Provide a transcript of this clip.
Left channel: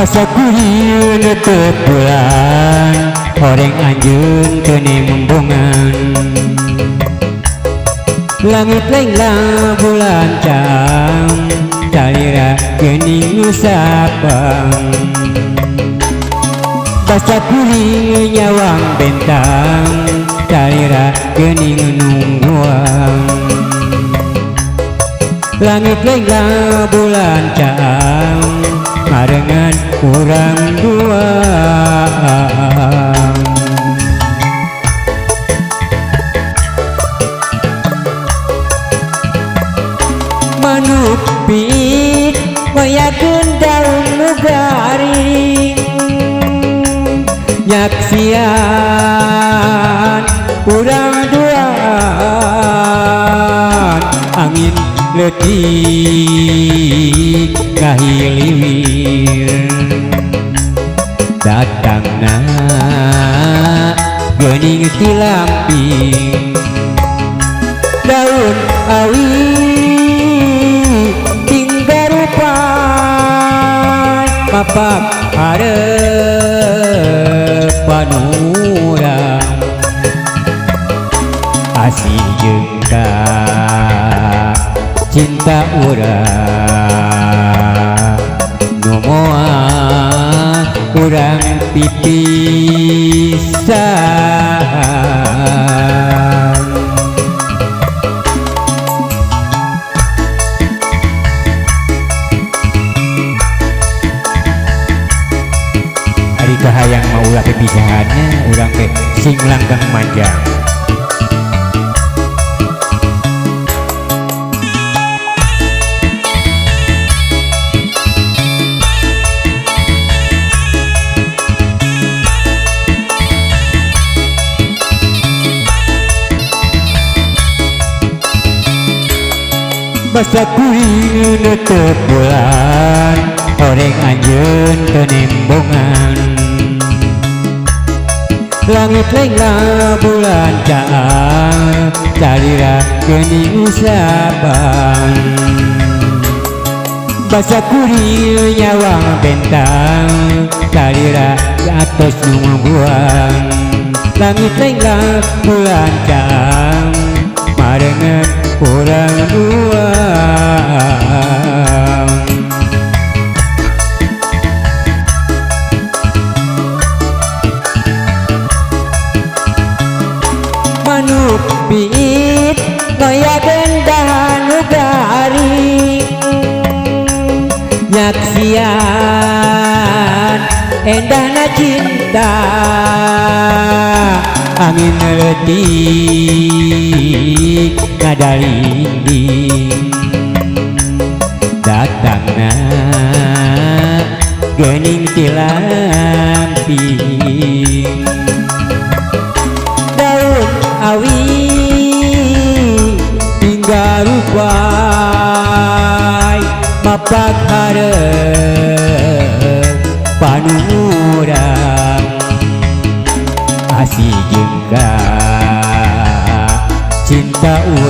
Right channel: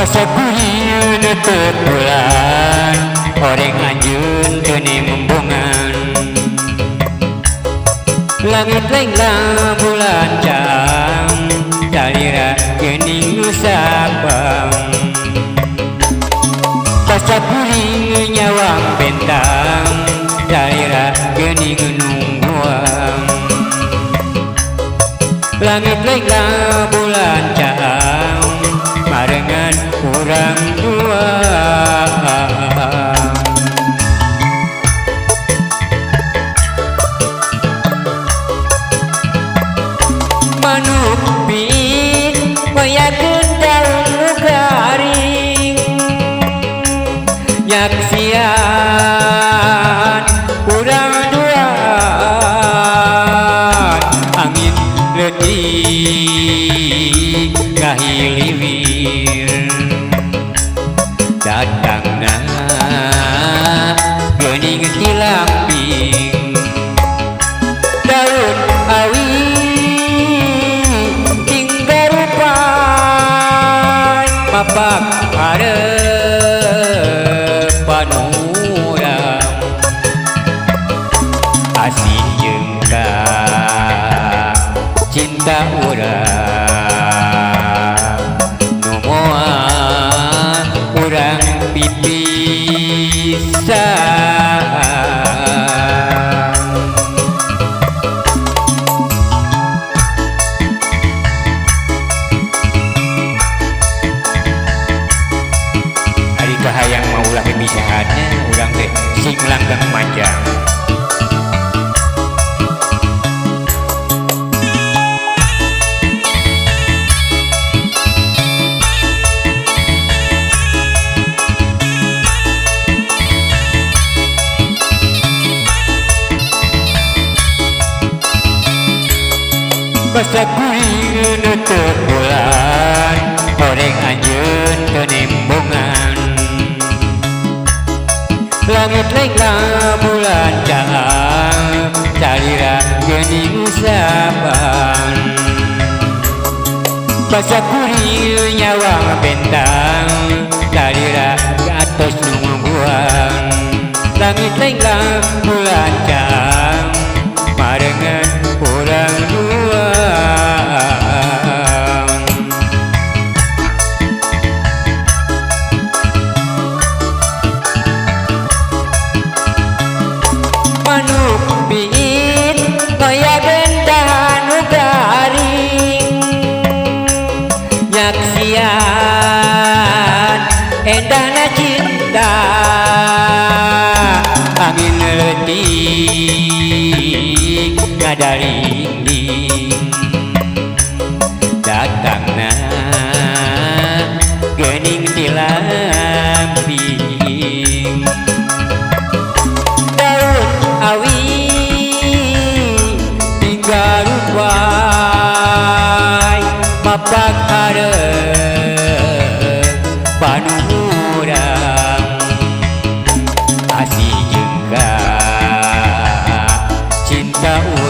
Pasa kuliun tepulan Horeng anjeun kene membongan Langit lain bulan cang Calira gening nusapang Pasa kuring nyawang bentang Calira gening nungguang Langit lain bulan cang Marengan kurang dua Manuk pit mayakeun daun nu garing Nyaksian urang duaan Angin leutik ngahiliwir Datangna geuning ti lamping Daun awi tinggal rupai Mapak hareupan urang Asih jeung ka cinta urang nu moal urang pipisan Ari kahayang mau ulah pipisahannya urang teh sing langgeng manjang Basa kuring tepulan Horeng anjeun kenembongan Langit lain bulan cang Calira geuning usapan Basa kuring nyawang bentang Calira gatos nungguan Langit lain bulan cang Marengan kurang dua Manuk piit ngayakeun dahan nu garing Nyaksian endahna cinta Angin leutik ngadalingding Datangna geuning ti lamping Daun awi tinggal rupai Mapak hareup